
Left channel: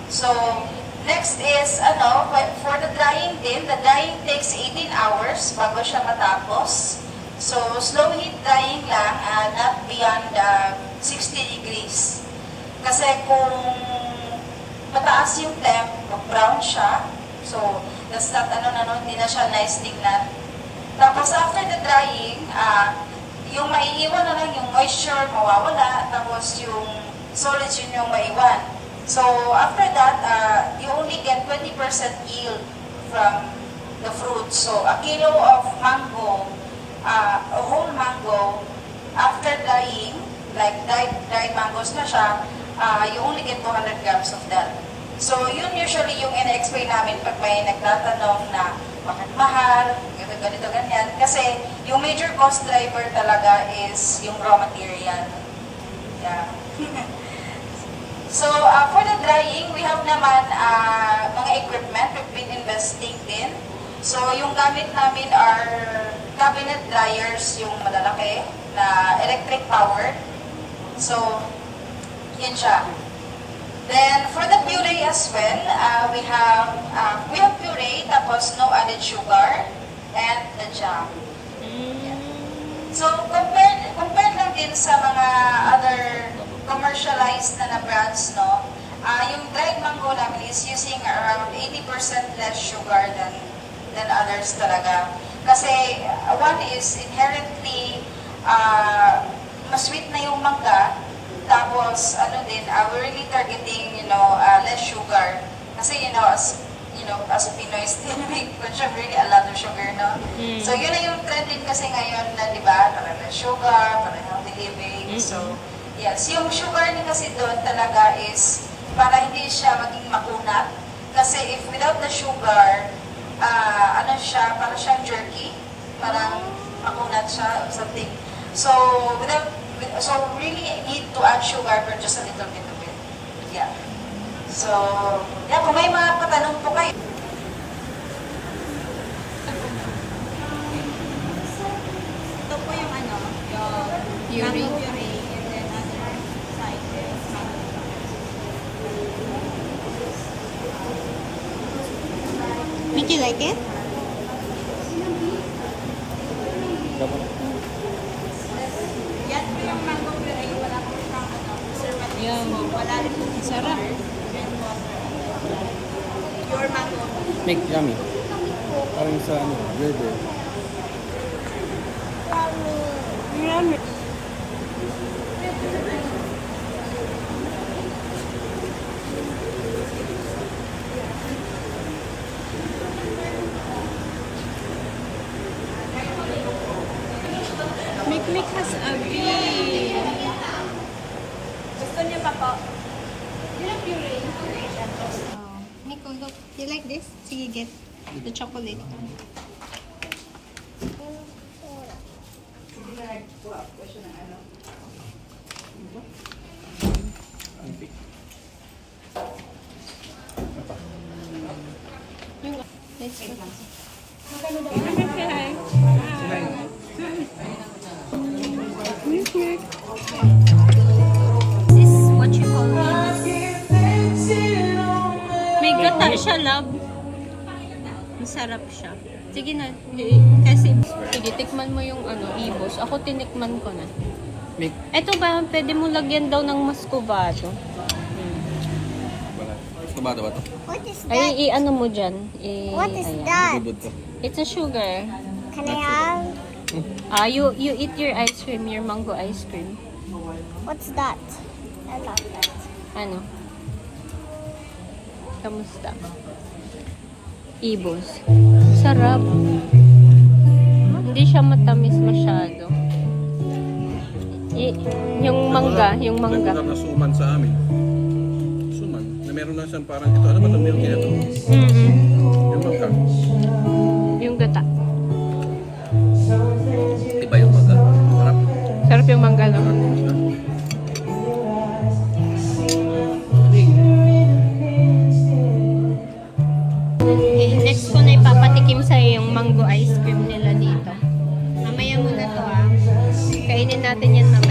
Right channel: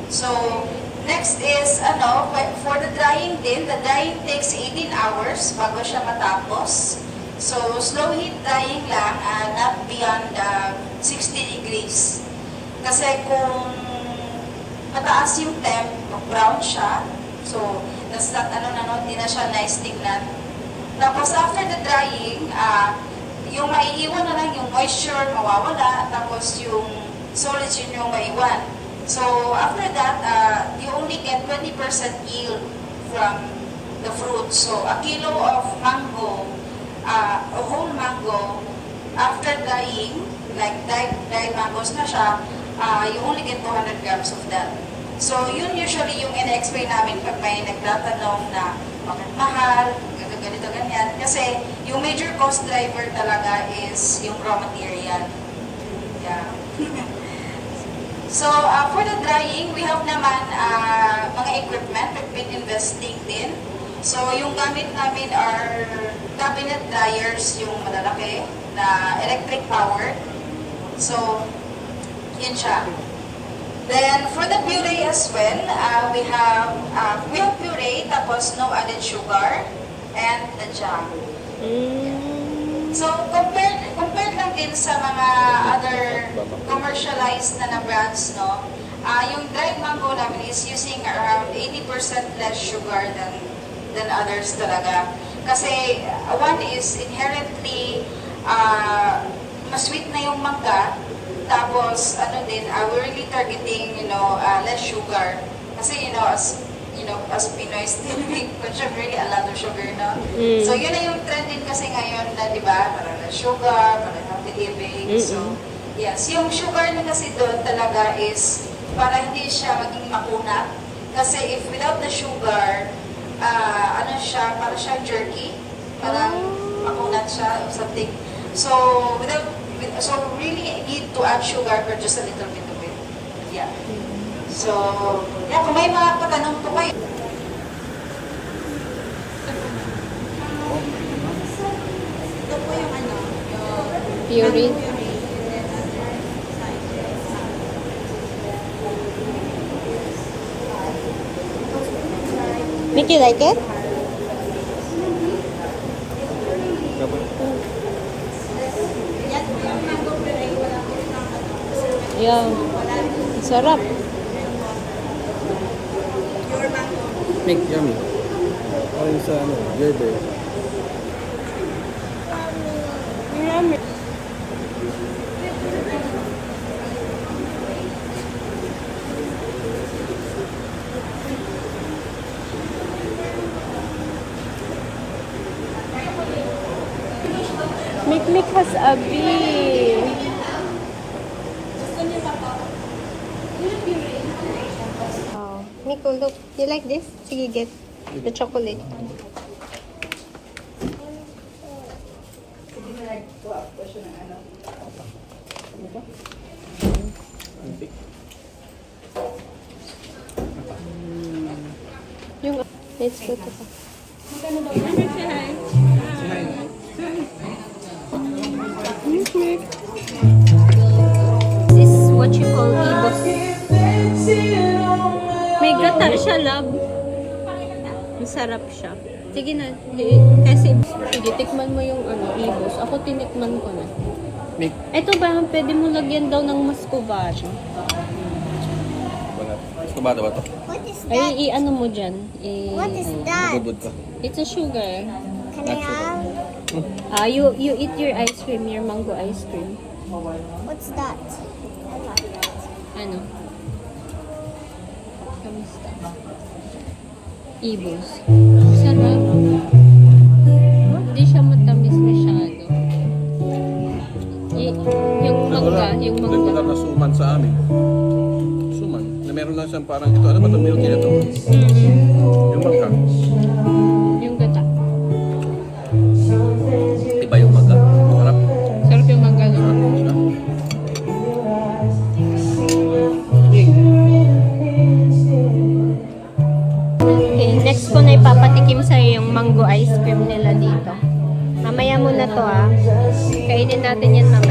So, next is, for the drying din, the drying takes 18 hours bago siya matapos. So, slow heat drying lang, not beyond 60 degrees. Kasi kung mataas yung temp, brown siya, so, hindi na siya nice tingnan. Tapos, after the drying, yung maiiwan na lang yung moisture, mawawala, tapos yung solids yun yung maiwan. So, after that, you only get 20% yield from the fruit. So, a kilo of mango, a whole mango, after drying, like dried mangoes na siya, you only get 200 grams of that. So, yun usually yung in-explain namin pag may nagtatanong na bakit mahal, ganito, ganyan. Kasi yung major cost driver talaga is yung raw material. Yeah. So, for the drying, we have naman mga equipment we've been investing in. So, yung gamit namin are cabinet dryers, yung malalaki na electric powered. So, yun siya. Then, for the puree as well, we have puree, tapos no added sugar, and the jam. So, compared lang din sa mga other commercialized na brands, no? Yung dried mango namin is using around 80% less sugar than others talaga. Kasi, one is inherently masweet na yung mangga. Tapos, we're really targeting, less sugar. Kasi, as Pinoys, we consume really a lot of sugar, no? So, yun na yung trending kasi ngayon na, di ba, parang less sugar, parang healthy living. So, yes, yung sugar niya kasi doon talaga is para hindi siya maging makunat. Kasi if without the sugar, parang siya jerky, parang makunat siya or something. So, we really need to add sugar for just a little bit of it. Yeah. So, kung may mga patanong po kayo. Ito po yung yung Puree. puree, and then other side is Make you like it? yan po yung mango puree, wala po yung preservative. Yan. Wala rin po Sarap. pure mango. Make yummy. Parang sa verde. Micmic has a bee. Oh, Nico, look. You like this? Sige, get the chocolate. Yung, let's go. This is what you call ibos. May gata siya, love. Masarap siya. Sige na. Kasi, sige, tikman mo yung ibos. Ako tinikman ko na. Ito ba, pwede mo lagyan daw ng muscovado. Wala. Kabada ba ito? What is that? Ay, i-ano mo dyan. What is that? Bubod ka. It's a sugar. Can I have? You eat your ice cream, your mango ice cream. What's that? I love that. Ano? Kamusta? Ibos. Sarap. Hindi siya matamis masyado. Yung mangga, yung mangga. Regular na suman sa amin. Suman. Na meron lang siyang parang ito. Ano ba ito? Milky na ito. Yung mangga. Yung gata. Kainin natin yan mamaya.